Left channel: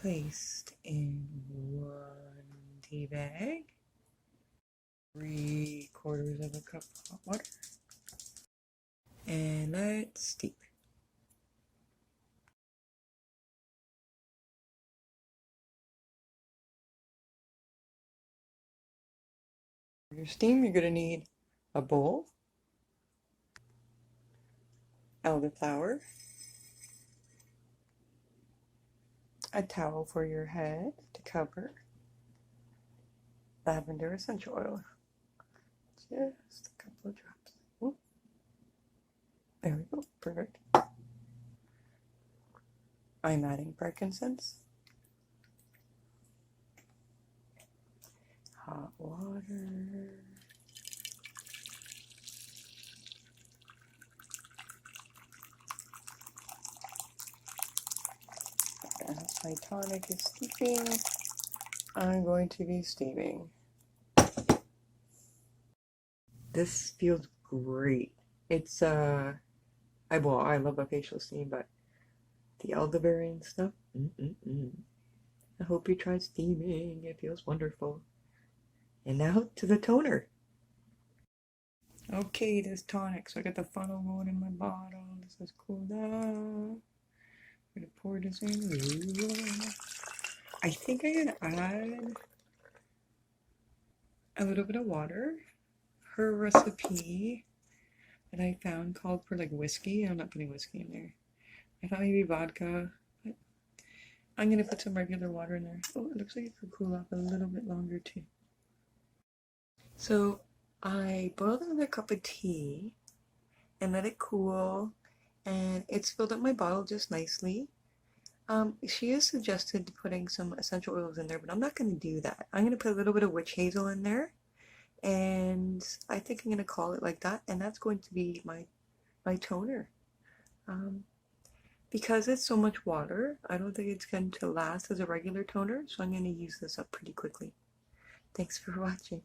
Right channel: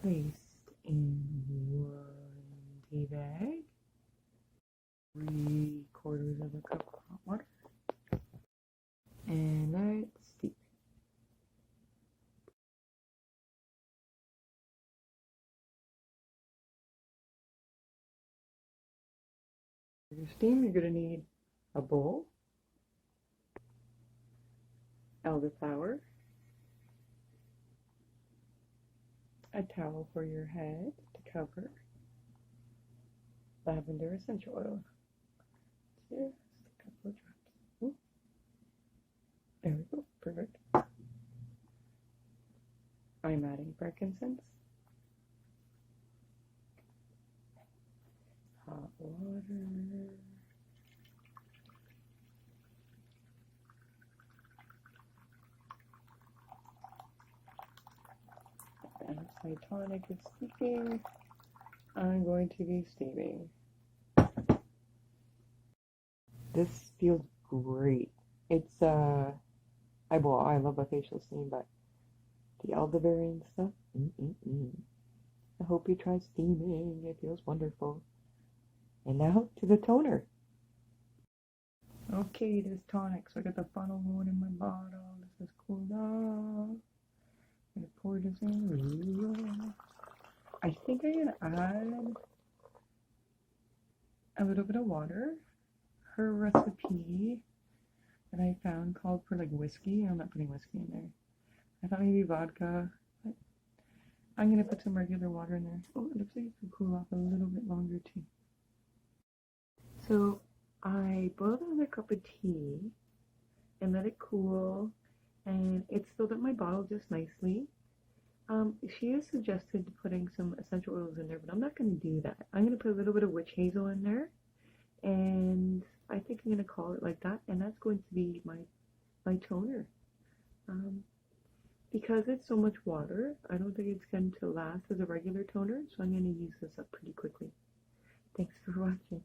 placed in 1 tea bag, 3/4 of a cup of hot water, and let's steep. For your steam, you're going to need a bowl, elderflower, a towel for your head to cover, lavender essential oil, just a couple of drops. Ooh. There we go, perfect. I'm adding frankincense, hot water, as my tonic is steeping, I'm going to be steaming. This feels great. It's I love a facial steam, but the elderberry and stuff, I hope you try steaming. It feels wonderful. And now to the toner. Okay, this tonic. So I got the funnel going in my bottle. This is cooled off. I'm gonna pour this in. I think I'm gonna add a little bit of water. Her recipe that I found called for like whiskey. I'm not putting whiskey in there. I thought maybe vodka, but I'm gonna put some regular water in there. Oh, it looks like it could cool off a little bit longer too. So I boiled another cup of tea and let it cool, and it's filled up my bottle just nicely. She has suggested putting some essential oils in there, but I'm not going to do that. I'm going to put a little bit of witch hazel in there, and I think I'm going to call it like that, and that's going to be my toner. Because it's so much water, I don't think it's going to last as a regular toner, so I'm going to use this up pretty quickly. Thanks for watching.